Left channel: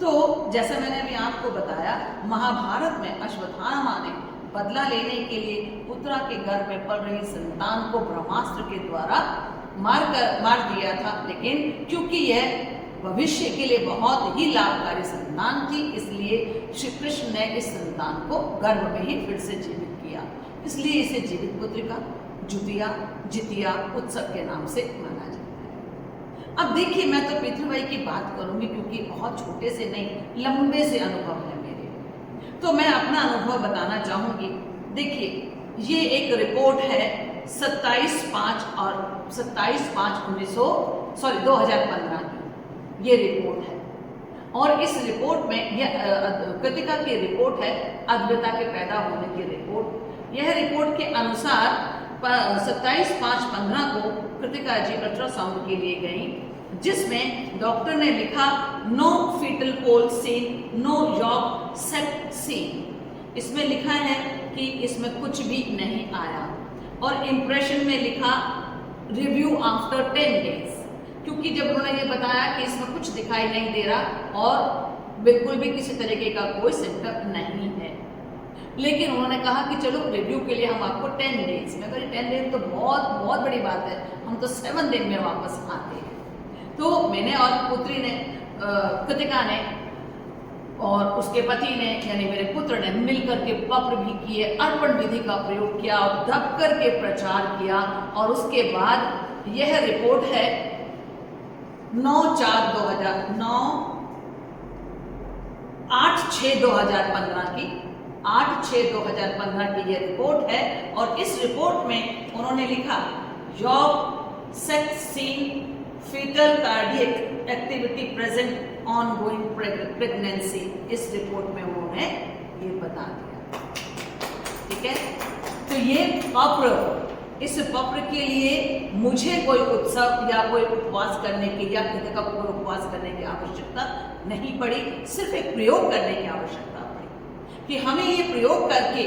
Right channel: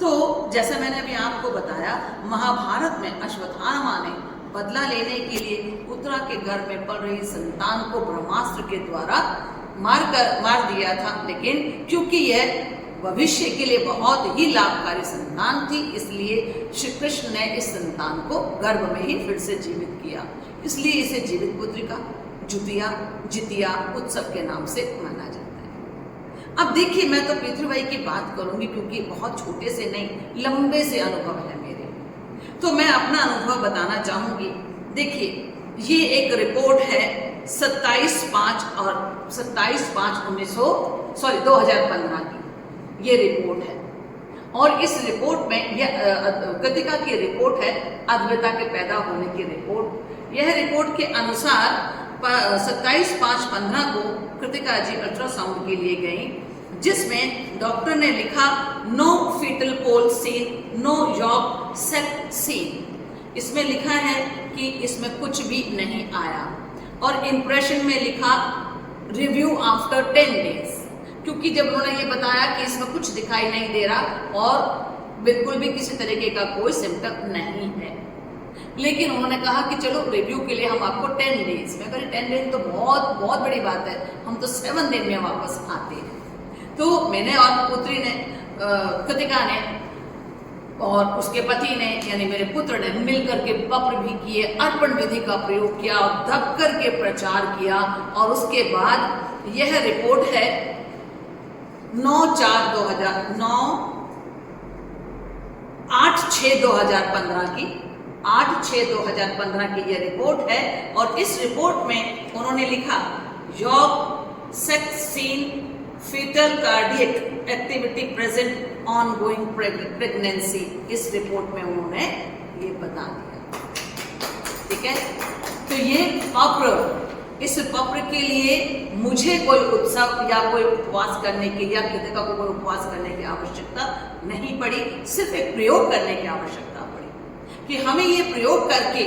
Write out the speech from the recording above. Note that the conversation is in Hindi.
तो जैसा मैंने अभी आपको बताया, महाभारत में अश्वत्थामा ने बदला लेने के लिए उत्तरा के गर्भ में पल रही संतान को ब्रह्मास्त्र के द्वारा मार दिया था, लेकिन क्योंकि यह भविष्य के लिए बहुत ही लाभकारी संतान थी, इसलिए श्री कृष्ण ने इस संतान को गर्भ में ही फिर से जीवित किया। इसलिए इसे जीवित पुत्रिका जितिया उत्सव के नाम से माना जाता है। अब देखिए, मैं तो पितृवाई की बात करूंगी क्योंकि बहुत छोटे से नहीं, लंबे से अनुभव है मेरे, तो मैं अपना अनुभव बताना चाहूंगी। देखिए, ये एक रिपोर्ट है 2015 की ये रिपोर्ट है, और इस रिपोर्ट में यह कृतिका की रिपोर्ट है, अद्वैता के पैदा होने की रिपोर्ट। यह रिपोर्ट के अनुसार 27/5/15 को कृतिका जी अल्ट्रासाउंड के लिए गई, जिसमें डॉक्टर ने लिखा no fetal pole seen, no yolk sac seen. इसमें लिखा है कि इसमें कुछ भी नहीं आया, और इंप्रेशन में लिखा रिव्यू आफ्टर 10 डेज, क्योंकि जब उन्होंने ये बताया कि इसमें कुछ दिखाई नहीं दे रहा और बिल्कुल भी किसी तरीके का कोई सिम्टम नहीं है, लेकिन उन्होंने कहा कि चलो रिव्यू के लिए हम आपको 10 डेज में, 10 डेज तो बहुत बहुत बड़ी बात है, हम तो 7 दिन में वापस आते हैं। तो मैंने और पुत्री ने, कृतिका ने और उसके पति ने यानी मेरे पुत्र ने मिलकर के पत्र भी किए, अर्पण विधि का प्रयोग किया और दब करके प्रचार किया, और उसके बाद यह रिपोर्ट है 8/6/2015 की 8/6/2015 की यह रिपोर्ट है। और इस रिपोर्ट में उन्होंने लिखा yolk sac seen fetal cardiac activity present ongoing pregnancy। इस रिपोर्ट में उन्होंने ये बता दिया, ठीक है। तो ये पत्र, इस पत्र के लिए मुझे कोई उत्सव या कोई उपवास करने की या कृतिका को कोई उपवास करने की आवश्यकता नहीं पड़ी, सिर्फ एक प्रयोग करने की आवश्यकता पड़ी कि हमें ये प्रयोग करके